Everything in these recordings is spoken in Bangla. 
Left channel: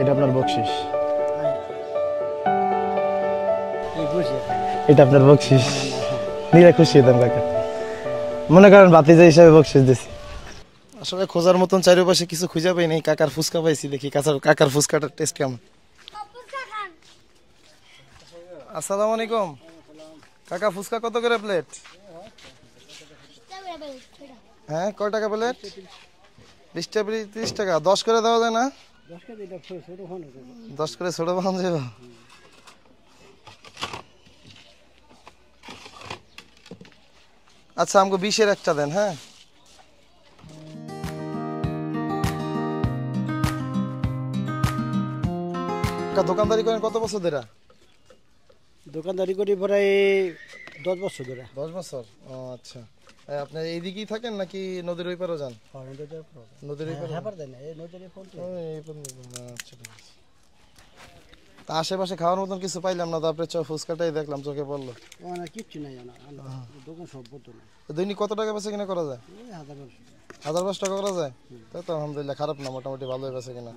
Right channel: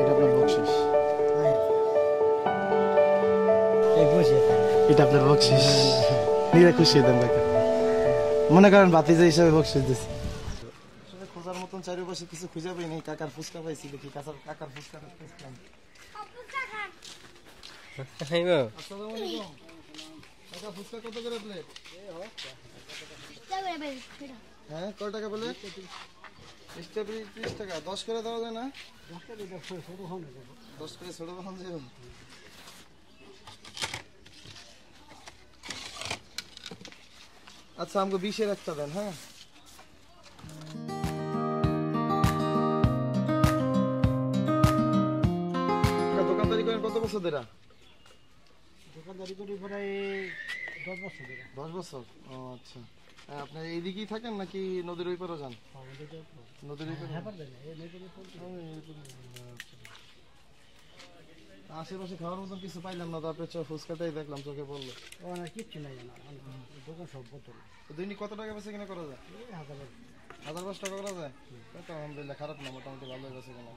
এটা আপনার বকশিস। এটা আপনার বকশিস। নিজে খুশি হতাম কাকা, মনে করেন ভাতিজা হিসাবে বকশিস দিছি। আসলে খোঁজার মতন চারিপাশে কিছু খুঁজে পাই নাই। কাকার ফুচকা পাইছি, দেখি কাকার ফুচকাটার টেস্ট কেমন। আসসালামু আলাইকুম কাকা, ফুচকা কত করে প্লেট? হ্যাঁ, কয় টাকা প্লেট? 30 টাকা। 10 করে দেওয়া যায় না? 10 করে ছোট বানানো যাবে। আচ্ছা, আমাকে 20-এর একটা দেন। হ্যাঁ, দোকানদারি করেন কত বছর ধরে? দোকানদারি করি প্রায় 10 বছর ধরে। 10 বছর। ও আচ্ছা, আপনি এইদিকেই থাকেন নাকি নদীর ওই পারও যান? নদীর ওই পারে। আচ্ছা, তা আশেপাশে খাওয়ার মতন কিছু পাইলাম না, তারপরে ফুচকাটাই দেখলাম, চোখে পড়লো। কিচ্ছু নাই, দোকান সব বোতল। দৈনিক কত টাকা বেচে কিনা করা যায়? 1000-1200 টাকা করা যায়। তাই তো আলহামদুলিল্লাহ, খারাপ না, মোটামুটি ভালোই বেচে কিনা।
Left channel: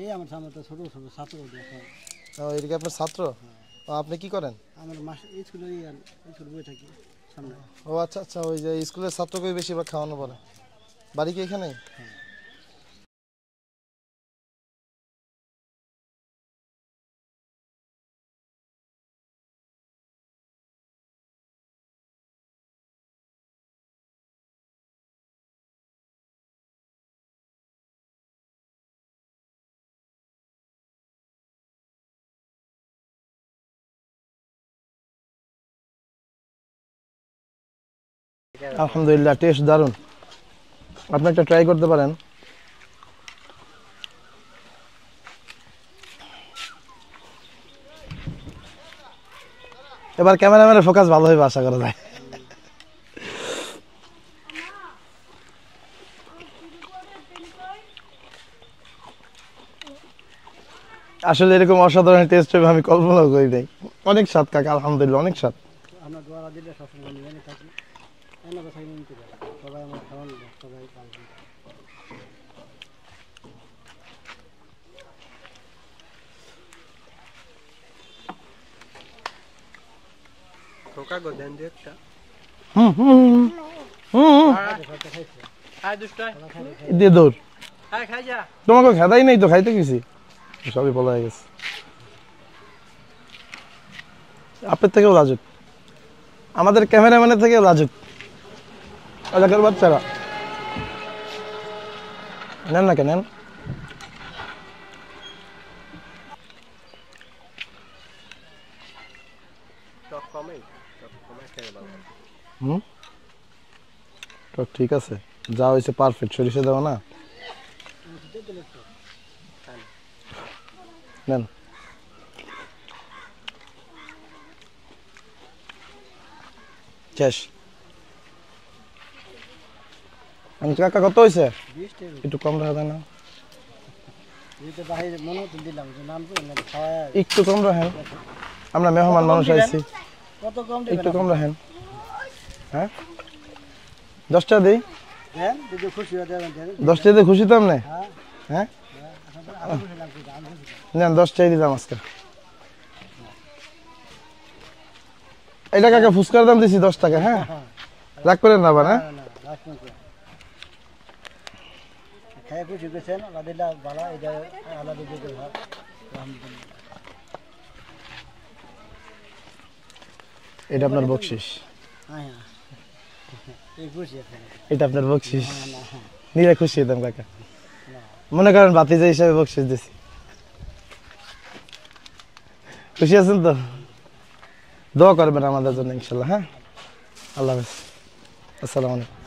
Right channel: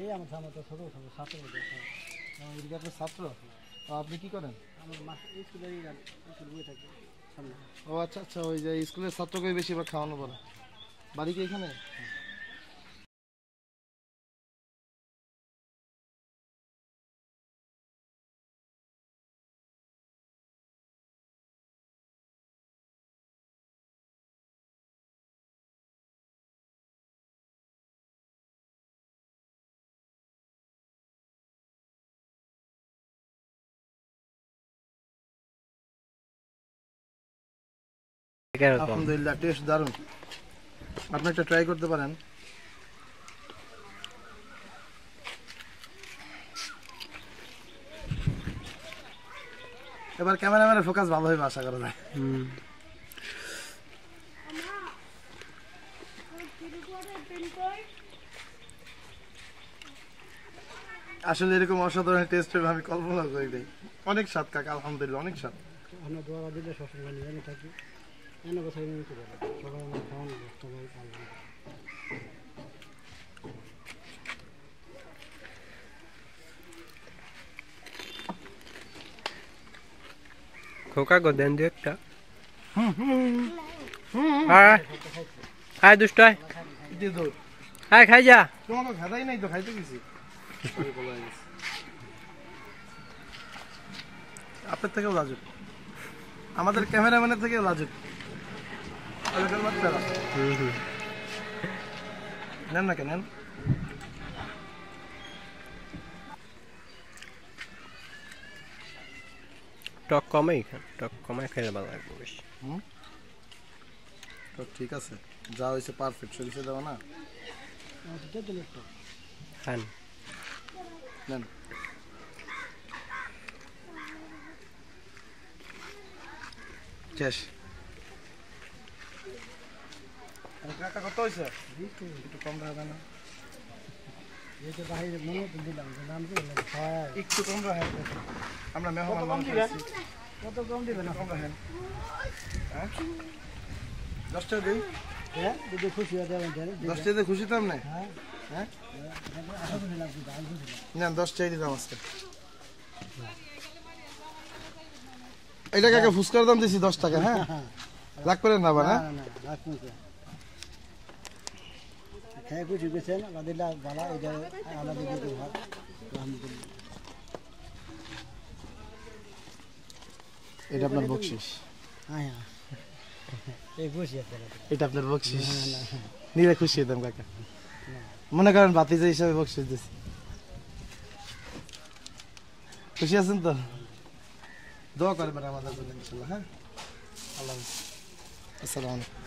এই আমার সামনে তো ছোট ছোট ছাত্র। এদিকে আপনার ছাত্র? আপনি কি করেন? আমার মাসে স্কুলে বই থাকি সামনে। ও আচ্ছা আচ্ছা, ওই যে স্কুলের ছাত্রকে বেশিরভাগ খাওয়ানো পড়ে। বাড়ি কি এখানে? আলহামদুলিল্লাহ, টেস্ট দারুন। আপনি একটা ট্রাই করতে পারেন। এবার ক্যামেরাম্যানের ফোকাস ভালো হবে আশা করা যায়। আসলে এরকম অসাধারণ টেস্ট হবে আমি কল্পনাও করি নাই। অনেক স্বাদ কাকা, আলহামদুলিল্লাহ, অনেক স্বাদ। আমরা দোয়া দিলে সবসময় নিয়ে থাকি। এনে বসাই নিতে পারি সবাই, আমার খাওয়ানো সবাই। খোকা গো দেন দু একটা। দুষ্ট দিয়ে দৌড়। হ্যাঁ, খাই যা। তোমাকে খেদাই নেই তো, খাইতে গেছি, সবই বলা হয়ে গেছে। আপনার থেকেও লাজুক, আমাদের ক্যামেরাম্যানের থেকেও লাজুক এলাকার বাচ্চারা। নেন না কেন, নেন। টক কমাই খাইলে ভালো লাগবে বেশি। তো ঠিক আছে, যা হয়েছে পারফেক্ট। সরিষা দেওয়া না? খান। নেন। শেষ। কাকা কত হয়েছে? একটু কম রাখা না? একটু কম রাখেন, আমরা মেহমান মানুষ আইছি, একটু কম রাখেন। হ্যাঁ, 10 টাকা দিই। 10 টাকাতে খুশি তো আপনি? হ্যাঁ, নেন, 10 টাকা দিলাম আজকে। এটা কাকা ফুচকার দাম দিছি 10 টাকা। হ্যাঁ, রাগ করেন না আবার। হ্যাঁ, এটা আপনার বকশিস। এটা আপনার বকশিস। নিজে খুশি হতাম কাকা, মনে করেন ভাতিজা হিসাবে বকশিস দিছি। খুশি আছেন তো? দোয়া করবেন আমাদের জন্য ইনশাল্লাহ। হ্যাঁ, আল্লাহ হাফেজ, আসসালামু আলাইকুম।